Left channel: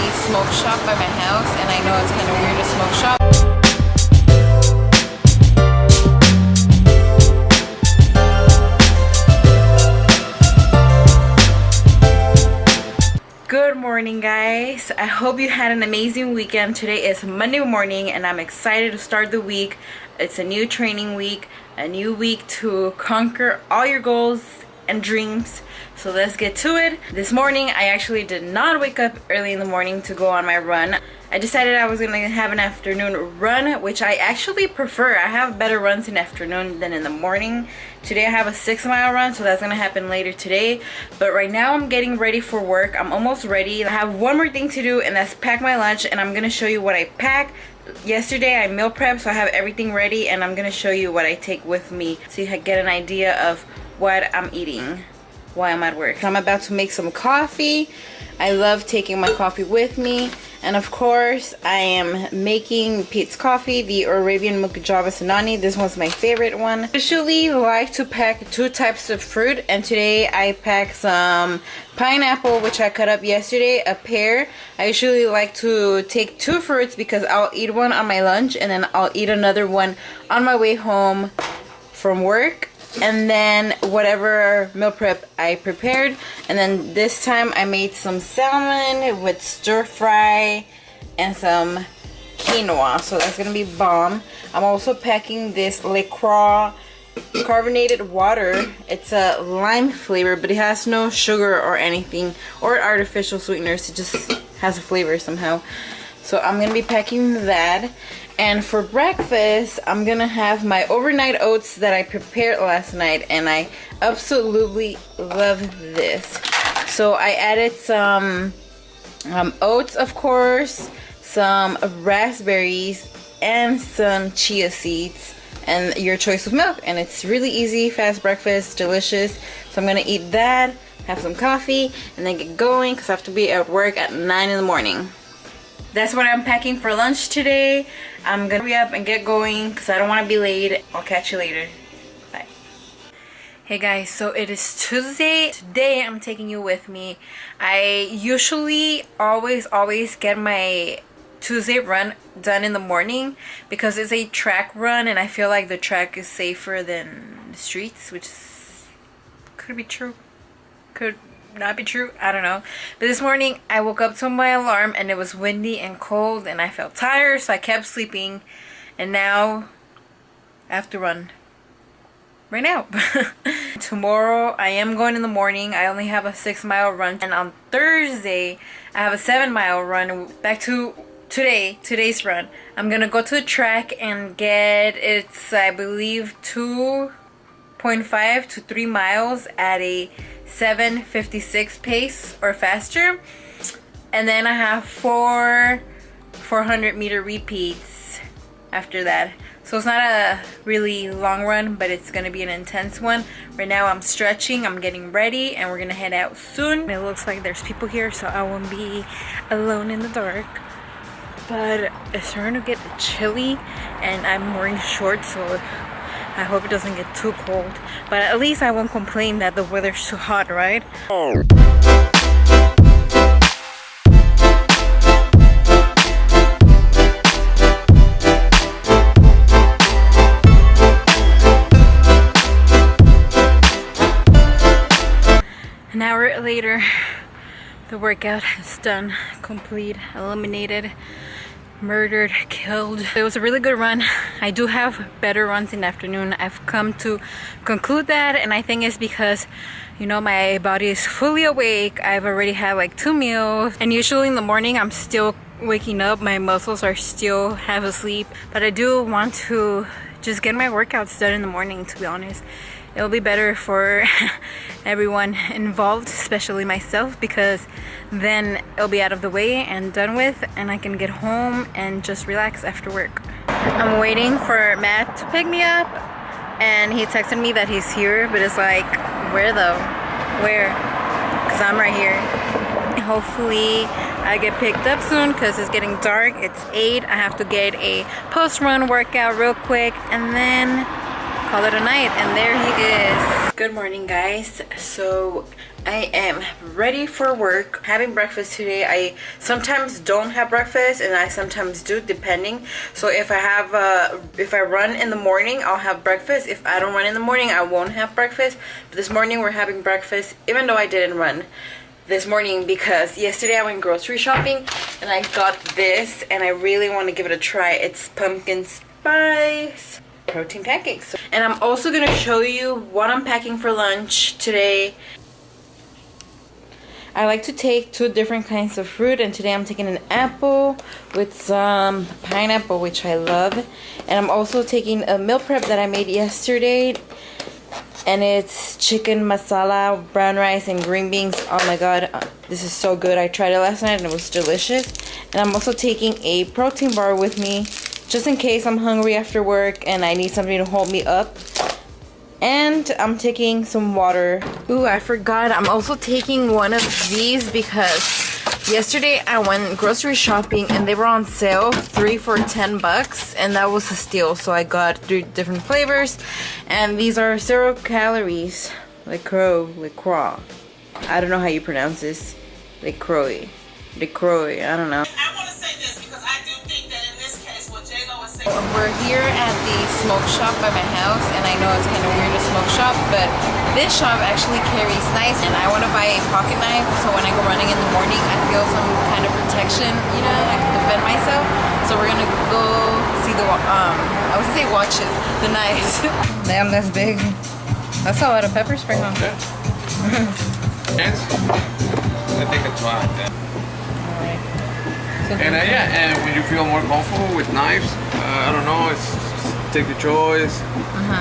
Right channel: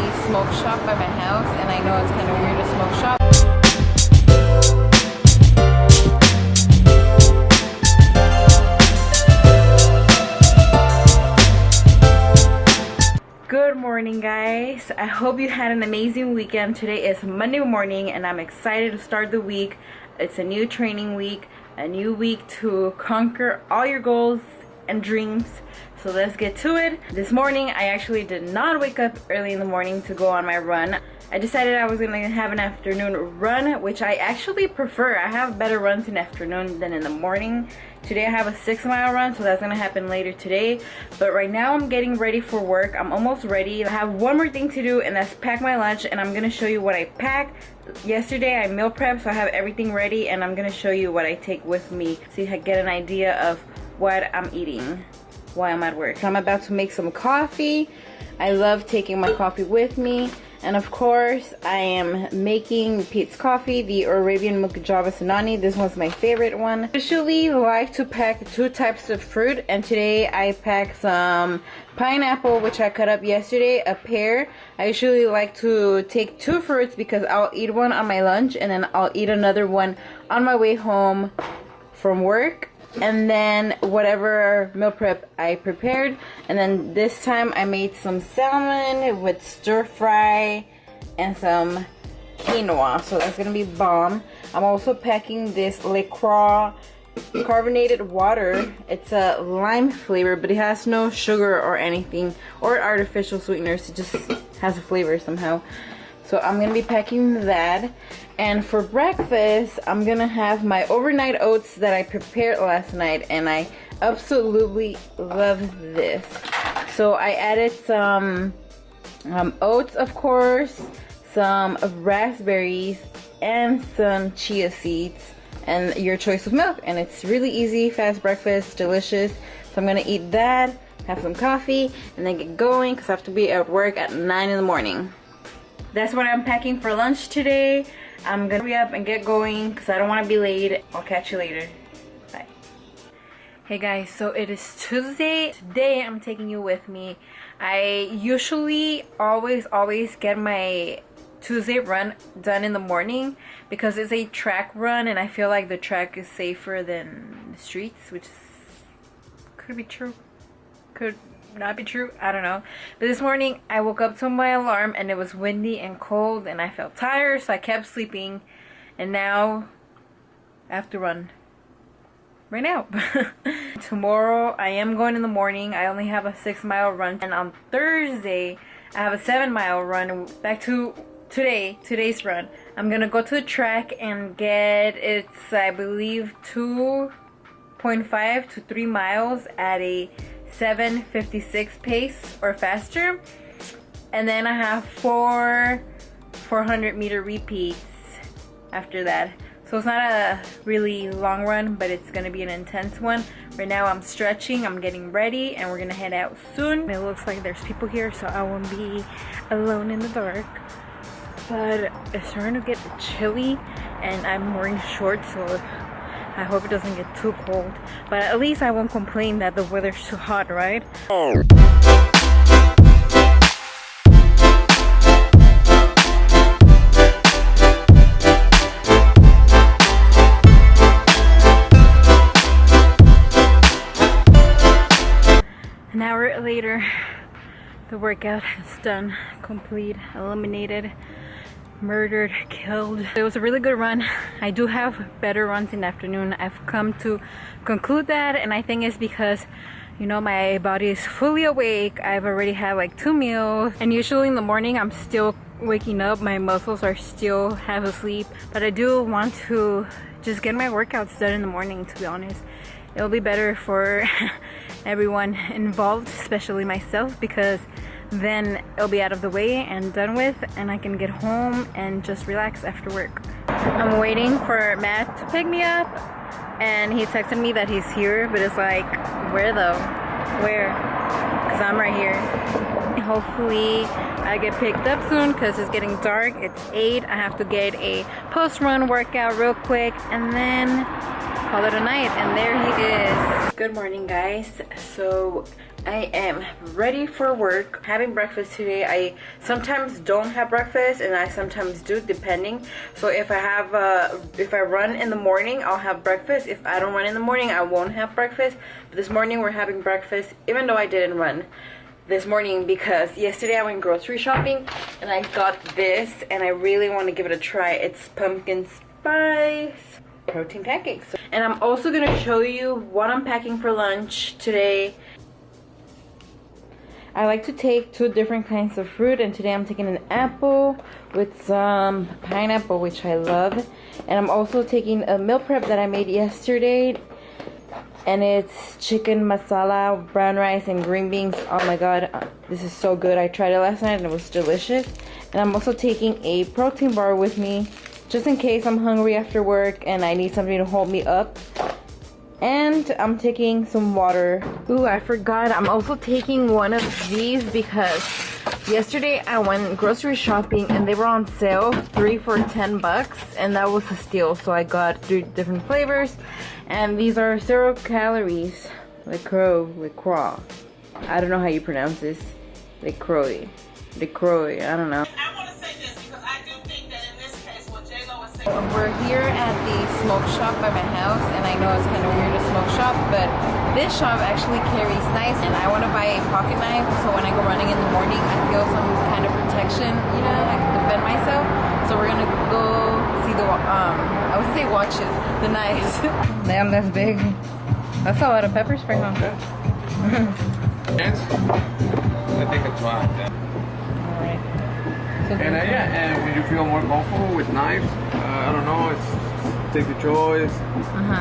a smoke shop by my house, and I know it's kind of weird to smoke shop. Good morning, guys. I hope you had an amazing weekend. Today is Monday morning and I'm excited to start the week. It's a new training week, a new week to conquer all your goals and dreams. So let's get to it. This morning I actually did not wake up early in the morning to go on my run. I decided I was gonna have an afternoon run, which I actually prefer. I have better runs in the afternoon than in the morning. Today I have a 6-mile run, so that's gonna happen later today. But right now I'm getting ready for work. I'm almost ready. I have one more thing to do, and that's pack my lunch, and I'm gonna show you what I pack. Yesterday I meal prepped, so I have everything ready, and I'm gonna show you what I take with me so you can get an idea of what I'm eating while I'm at work. I'm about to make some coffee. I love taking my coffee with me. And of course, I am making Pete's coffee, the Arabian Milk Java Sinani. This one's my favorite one. I usually like to pack 2 types of fruit, and today I packed some pineapple, which I cut up yesterday, a pear. I usually like to take 2 fruits because I'll eat one on my lunch and then I'll eat another one on my way home from work. And then whatever meal prep I prepared. And then this time I made some salmon with stir fry and some quinoa, so that's gonna be bomb. I'm also packing this LaCroix carbonated water. It's a lime flavor, but it has no sugar or anything or artificial sweeteners. It just has a flavor somehow. So I'm gonna be packing that. And for breakfast, I'm gonna have my overnight oats that I prepared last night, and I absolutely love this. So I added some oats, of course, some raspberries, and some chia seeds, and your choice of milk. And it's really easy, fast breakfast, delicious. So I'm gonna eat that, have some coffee, and then get going because I have to be at work at 9 in the morning. That's what I'm packing for lunch today. I'm gonna hurry up and get going because I don't want to be late. I'll catch you later. Bye. Hey guys, so it is Tuesday. Today I'm taking you with me. I usually always get my Tuesday run done in the morning because it's a track run and I feel like the track is safer than the streets, which is, could be true, could not be true, I don't know. But this morning I woke up to my alarm and it was windy and cold and I felt tired, so I kept sleeping, and now I have to run right now. Tomorrow I am going in the morning. I only have a 6-mile run, and on Thursday I have a 7-mile run. Back to today's run, I'm gonna go to the track and get, it's I believe 2.5 to 3 miles at a 7:56 pace or faster, and then I have 400-meter repeats after that. So it's not a really long run, but it's gonna be an intense one. Right now I'm stretching, I'm getting ready, and we're gonna head out soon. It looks like there's people here, so I won't be alone in the dark. But it's starting to get chilly and I'm wearing shorts, so I hope it doesn't get too cold, but at least I won't complain that the weather's too hot, right? An hour later, the workout is done, complete, eliminated, murdered, killed. It was a really good run. I do have better runs in the afternoon. I've come to conclude that, and I think it's because, you know, my body is fully awake. I've already had like 2 meals, and usually in the morning I'm still waking up. My muscles are still half asleep, but I do want to just get my workouts done in the morning, to be honest. It'll be better for everyone involved, especially myself, because then it'll be out of the way and done with, and I can get home and just relax after work. I'm waiting for Matt to pick me up, and he texted me that he's here, but it's like, where though? Where? Because I'm right here. Hopefully I get picked up soon because it's getting dark. It's 8. I have to get a post-run workout real quick and then call it a night, and there he is. Good morning, guys. So I am ready for work, having breakfast today. I sometimes don't have breakfast and I sometimes do, depending. So if I run in the morning, I'll have breakfast. If I don't run in the morning, I won't have breakfast. But this morning we're having breakfast, even though I didn't run this morning, because yesterday I went grocery shopping and I got this and I really want to give it a try. It's pumpkin spice protein pancakes. And I'm also gonna show you what I'm packing for lunch today. I like to take 2 different kinds of fruit, and today I'm taking an apple with some pineapple, which I love. And I'm also taking a meal prep that I made yesterday, and it's chicken masala, brown rice, and green beans. Oh my god, this is so good. I tried it last night and it was delicious. And I'm also taking a protein bar with me, just in case I'm hungry after work and I need something to hold me up. And I'm taking some water. Ooh, I forgot, I'm also taking one of these because yesterday I went grocery shopping and they were on sale, 3 for $10, and that was a steal. So I got 3 different flavors, and these are 0 calories. LaCroix. I don't know how you pronounce this. LaCroix, I don't know. I want to say this because I do think that in this case, what J-Lo was saying. We're here at the smoke shop by my house, and I know it's kind of weird to smoke shop, but this shop actually carries knives, and I want to buy a pocket knife so when I go running in the morning I feel some kind of protection, you know, I can defend myself. So we're gonna go see the I would say watches, the knives. Damn, that's big. That's a lot of pepper spray, huh? Yeah. Yes. I think it's fine. Alright. So And yeah, and when you feel more comfortable with knives, I don't know, take the choice.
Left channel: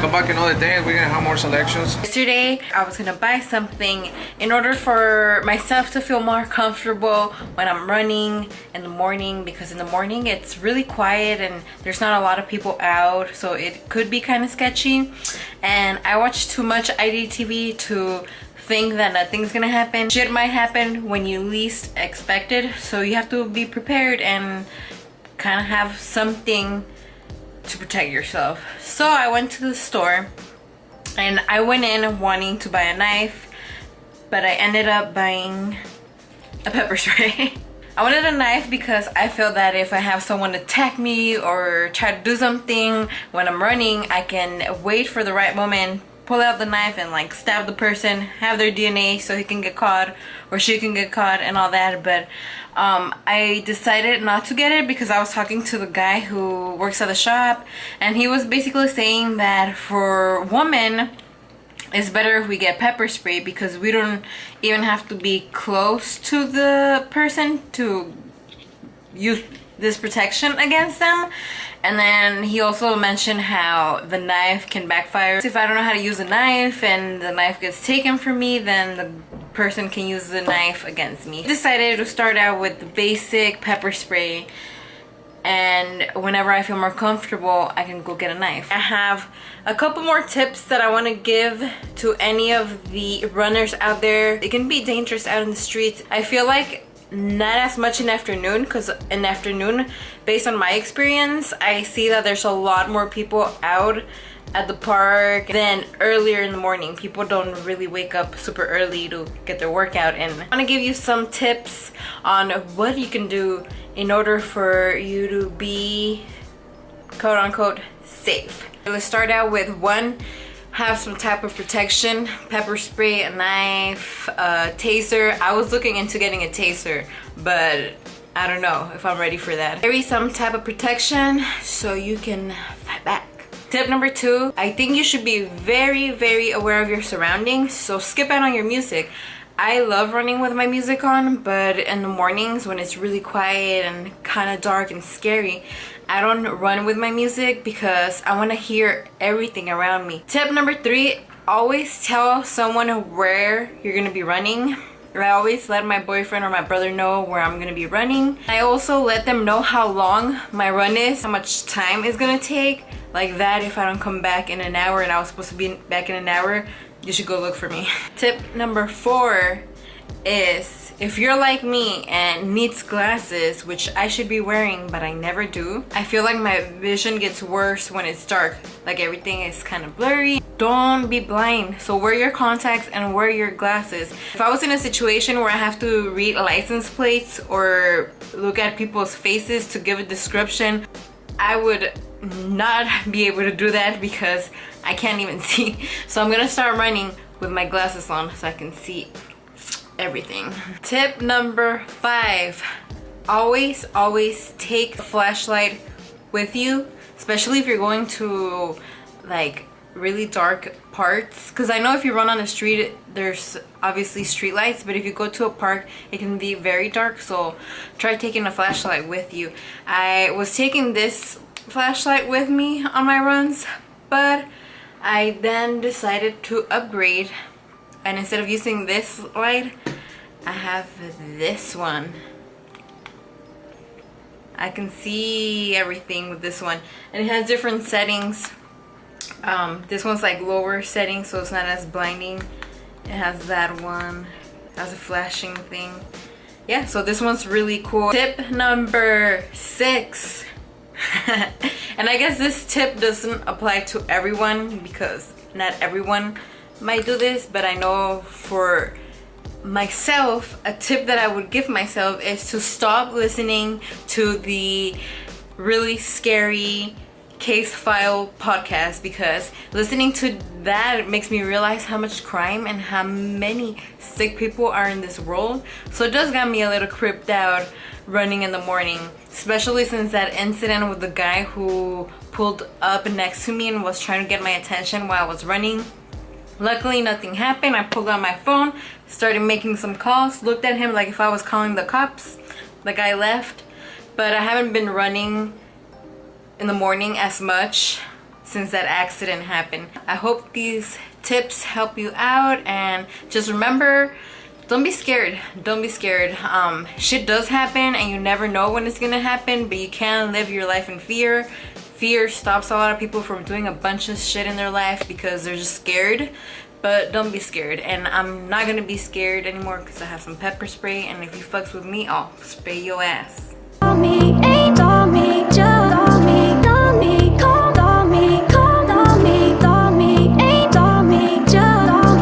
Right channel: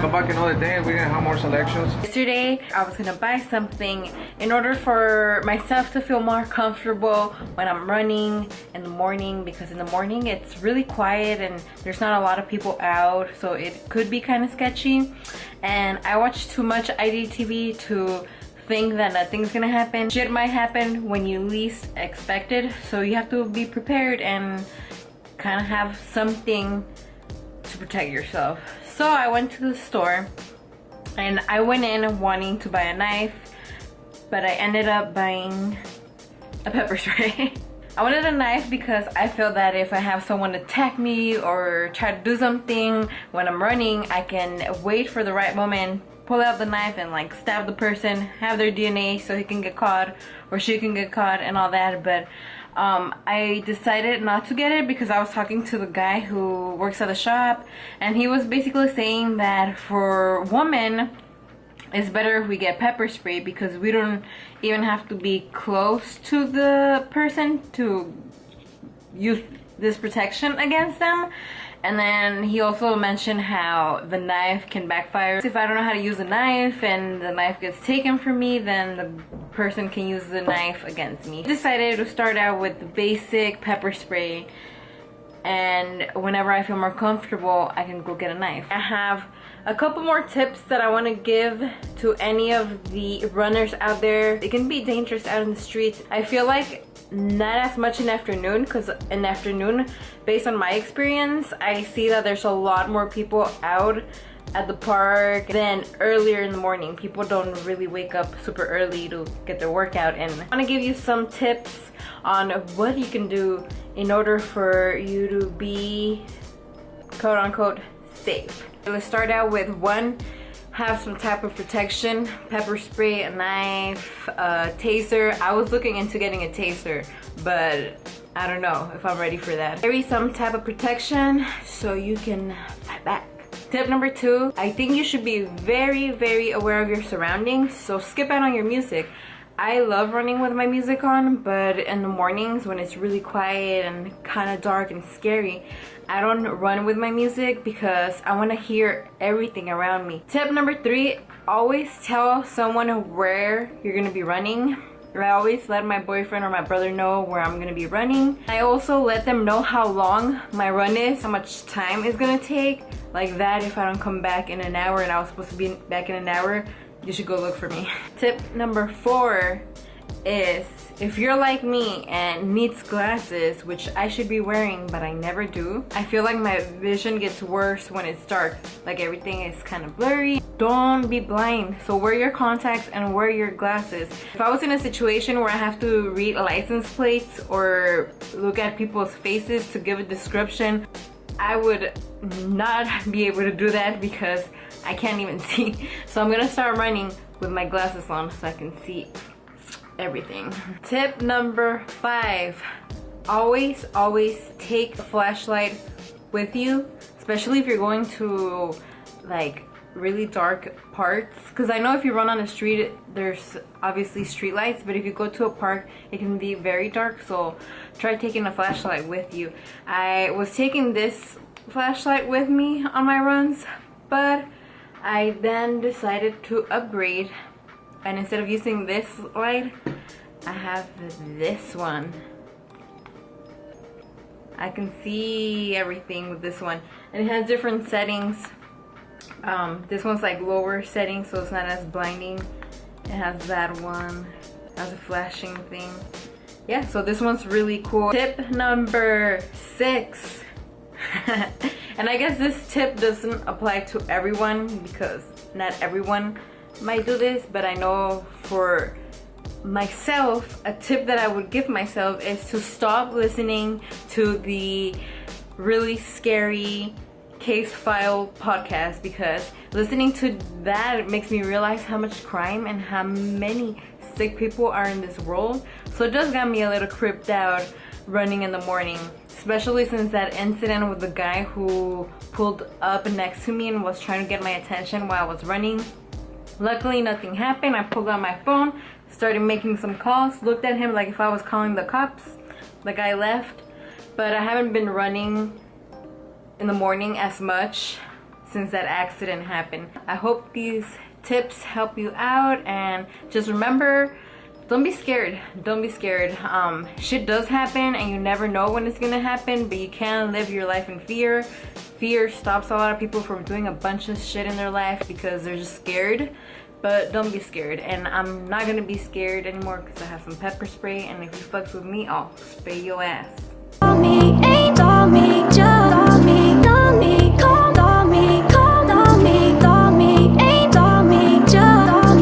Come back another day and we're gonna have more selections. Yesterday, I was gonna buy something in order for myself to feel more comfortable when I'm running in the morning, because in the morning it's really quiet and there's not a lot of people out, so it could be kind of sketchy. And I watch too much IDTV to think that nothing's gonna happen. Shit might happen when you least expect it, so you have to be prepared and kind of have something to protect yourself. So I went to the store and I went in wanting to buy a knife, but I ended up buying a pepper spray. I wanted a knife because I feel that if I have someone attack me or try to do something when I'm running, I can wait for the right moment, pull out the knife and like stab the person, have their DNA so he can get caught or she can get caught and all that. But I decided not to get it because I was talking to the guy who works at the shop, and he was basically saying that for women it's better if we get pepper spray because we don't even have to be close to the person to use this protection against them. And then he also mentioned how the knife can backfire. If I don't know how to use a knife and the knife gets taken from me, then the person can use the knife against me. I decided to start out with the basic pepper spray, and whenever I feel more comfortable, I can go get a knife. I have a couple more tips that I want to give to any of the runners out there. It can be dangerous out in the streets. I feel like not as much in afternoon, because in afternoon, based on my experience, I see that there's a lot more people out at the park than earlier in the morning. People don't really wake up super early to get their workout in. I want to give you some tips on what you can do in order for you to be quote unquote safe. Let's start out with 1, have some type of protection, pepper spray, a knife, a taser. I was looking into getting a taser, but I don't know if I'm ready for that. Carry some type of protection so you can fight back. Tip number 2, I think you should be very, very aware of your surroundings, so skip out on your music. I love running with my music on, but in the mornings when it's really quiet and kind of dark and scary, I don't run with my music because I want to hear everything around me. Tip number 3, always tell someone where you're going to be running. I always let my boyfriend or my brother know where I'm going to be running. I also let them know how long my run is, how much time it's going to take. Like that, if I don't come back in an hour and I was supposed to be back in an hour, you should go look for me. Tip number 4 is If you're like me and needs glasses, which I should be wearing but I never do, I feel like my vision gets worse when it's dark. Like everything is kind of blurry. Don't be blind. So wear your contacts and wear your glasses. If I was in a situation where I have to read license plates or look at people's faces to give a description, I would not be able to do that because I can't even see. So I'm gonna start running with my glasses on so I can see everything. Tip number 5, always take a flashlight with you, especially if you're going to like really dark parts, because I know if you run on the street there's obviously street lights, but if you go to a park it can be very dark, so try taking a flashlight with you. I was taking this flashlight with me on my runs, but I then decided to upgrade, and instead of using this light I have this one. I can see everything with this one, and it has different settings. This one's like lower setting, so it's not as blinding. It has that one, it has a flashing thing. Yeah, so this one's really cool. Tip number 6. And I guess this tip doesn't apply to everyone because not everyone might do this, but I know for myself, a tip that I would give myself is to stop listening to the really scary case file podcast, because listening to that makes me realize how much crime and how many sick people are in this world. So it does got me a little creeped out running in the morning, especially since that incident with the guy who pulled up next to me and was trying to get my attention while I was running. Luckily nothing happened. I pulled out my phone, started making some calls, looked at him like if I was calling the cops. The guy left, but I haven't been running in the morning as much since that accident happened. I hope these tips help you out, and just remember, don't be scared. Don't be scared. Shit does happen and you never know when it's gonna happen, but you can't live your life in fear. Fear stops a lot of people from doing a bunch of shit in their life because they're just scared. But don't be scared, and I'm not gonna be scared anymore because I have some pepper spray, and if you fucks with me, I'll spray your ass. Ain't on me, just